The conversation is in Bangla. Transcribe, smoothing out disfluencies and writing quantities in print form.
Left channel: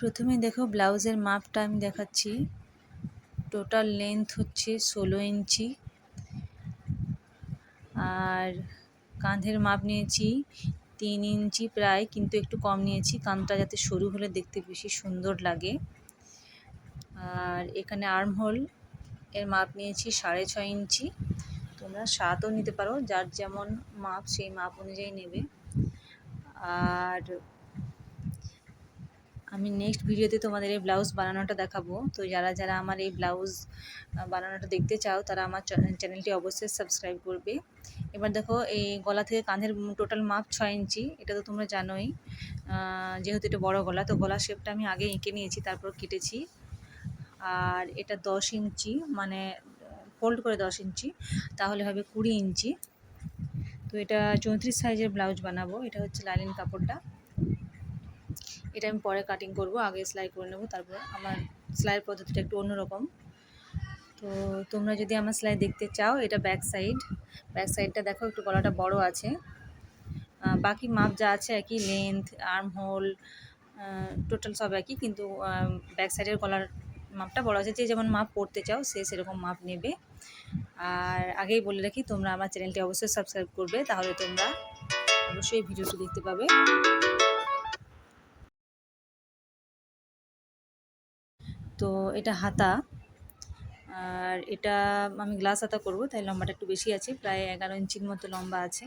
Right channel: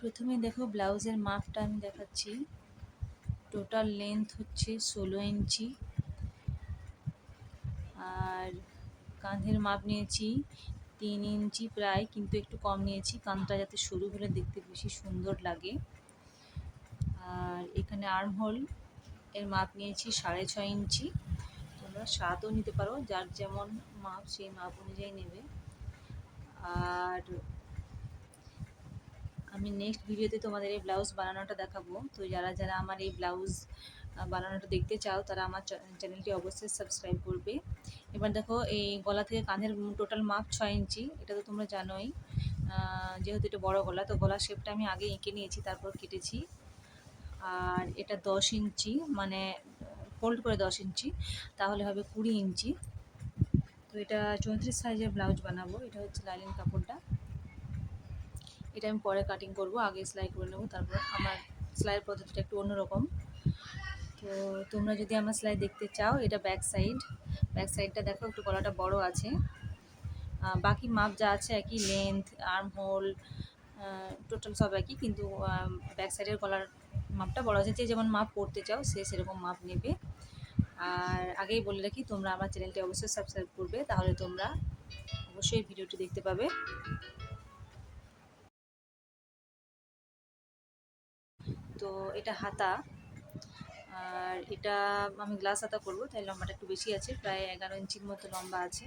প্রথমে দেখো ব্লাউজের মাপটা আমি দেখাচ্ছি। টোটাল লেন্থ হচ্ছে 16 ইঞ্চি, আর কাঁধের মাপ নিয়েছি 3 ইঞ্চি প্রায়, কিন্তু একটু কম নিয়েছি, কাঁধটা যাতে সরু হলে দেখতে বেশি সুন্দর লাগে। আর এখানে আর্ম হোল এর মাপ নিয়েছি 6.5 ইঞ্চি। তোমরা 7ও নিতে পারো, যার যেমন মাপ সেই মাপ অনুযায়ী নেবে। আর আমি নেক্সট ভিডিওতে তোমাদের এই ব্লাউজ বানানোটা দেখাবো। তো যারা যারা আমার এই ব্লাউজ বানানোটা দেখতে চাও তারা আমার চ্যানেলটি অবশ্যই সাবস্ক্রাইব করবে। এবার দেখো এই গলা থেকে কাঁধের টোটাল মাপ 6 ইঞ্চি, এটা তো তোমরা জানোই। যেহেতু এটা বড় গলা, তো গলার শেপটা আমি আগে এঁকে নিয়েছি, তারপর কেটেছি। আর এটা 10 ইঞ্চি, মানে ফোল্ড করে 10 ইঞ্চি, তাহলে হবে 20 ইঞ্চি। তো এটা 34 সাইজের ব্লাউজ বানাবো। এটা হচ্ছে লাইনিং কাপড়টা, এটা আমি পরে কাটিং করব, আগে সেলাই করে নেব। তারপর আমার সেলাইয়ের পদ্ধতিটা একটু অন্যরকম। তো তোমরা যদি আমার সেলাই দেখতে চাও, এটা ব্যাক সাইডটা দেখো একটু গলাটা বড় আছে। বাকি মাপ যা আছে একই, লেন্থ, আর্ম হোল, টোটাল সব একই, কিন্তু ব্যাক সাইডের গলার মাপটা বড় আছে। যে যেমন মাপ পড়তে চাও সে সেরকম মাপ নেবে। আর আগেই বলে রাখি, তোমরা আমার চ্যানেলটি অবশ্যই সাবস্ক্রাইব করবে, তাহলে তোমরা অবশ্যই ভিডিওটি দেখতে পাবে। তো এটা হাতা, আর এটা আমি গ্লাস হাতা করব, তাই লম্বাটা একটু বেশি আছে, প্রায় 11 ইঞ্চির মতো লম্বা আছে।